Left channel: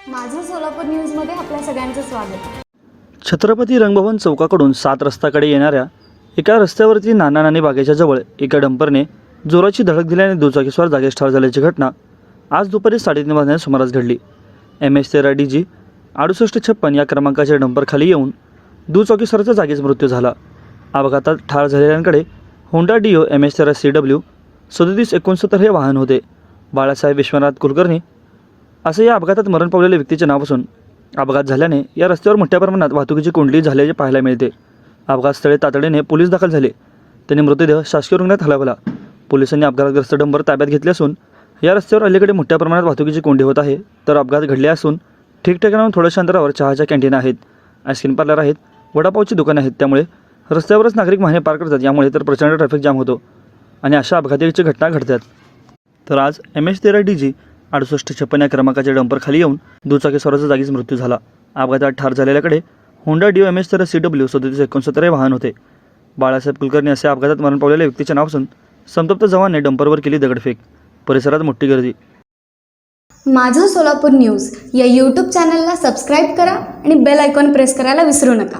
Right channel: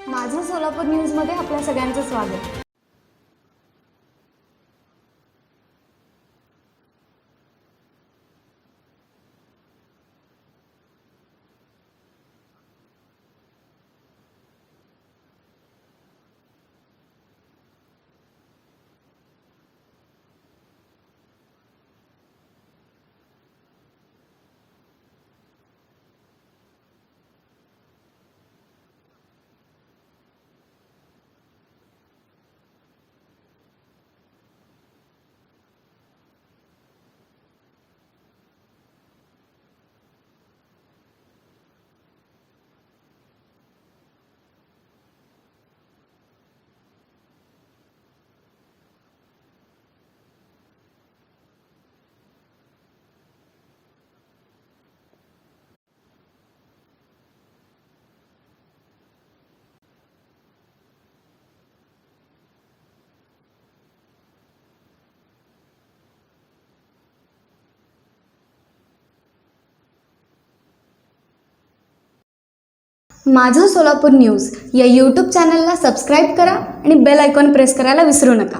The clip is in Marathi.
सोलापूर न्यूजमध्ये आपल्या सगळ्यांचं स्वागत. छत्रपती रंगभवन चौकाकडून सात रस्त्याकडे येणाऱ्या एका रस्त्यावरती नाना नानी बागेच्या जवळ एका डंपरने जोराची धडक दिल्याने दुचाकीस्वार जागेस ठार झाल्याची घटना आज दुपारी साडेतीन वाजण्याच्या सुमारास घडली. एम एस तेरा डी जी अडुसष्ट छप्पन या क्रमांकाच्या डंपरखाली येऊन दुचाकीस्वाराचा जागीच मृत्यू झाला. अपघातात ठार झालेल्यांकडे होंडा डिओ एम एस तेरा सी डब्ल्यू सदतीस एकोणसत्तर हे वाहन होते. बाळासाहेब विश्वनाथ कुलकर्णी असं या अपघातात मरण पावलेल्या व्यक्तीचे नाव असून अपघात झाल्याने या रस्त्यावर मोठ्या प्रमाणात वाहतुकीची कोंडली झाल्याचे पाहायला मिळते. अपघातस्थळी तातडीने पोलीस दाखल झाले. त्यांनी मृतदेह शासकीय रुग्णालयात हलवला. पोलिसांनी अपघातग्रस्त डंबर ताब्यात घेतले असून या रस्त्यावर अलीकडे मोठ्या प्रमाणात वाहतुकीची कोंडी होत आहे. तर अपघात घडले असून ठिकठिकाणाहून थोड्याशा अंतरावर चहाच्या कॅन्टीन आहेत. आईस्क्रीम पार्लर आहेत. वडापावची दुकानं आहेत. त्यामुळे रस्त्यावरच नागरिक वाहने पार करतात. यामुळे तर प्रचंड ट्रॅफिक जाम होतो. आणि अशा अपघाताची घटना घडतात. तर आज एम एच तेरा डी जी अडुसष्ट छप्पन या क्रमांकाच्या डंपर खाली येऊन दुचाकी स्वराचा जागीच मृत्यू झाला. अपघातात ठार झालेल्याकडे होंडा डिओ एम एस तर सी डब्ल्यू सदतीस एकोणसत्तर हे वाहन होते. बाळासाहेब कुलकर्णी असे अपघातात मरण पावलेल्या व्यक्तीचे नाव असून संतप्त जवानने डंपरवर केली दगडफेक. परिसरात मोठी गर्दी. माझं सोलापूर न्यूज या यूट्यूब चॅनलला सबस्क्राईब करा आणि बेल आयकॉन प्रेस करायला विसरू नका.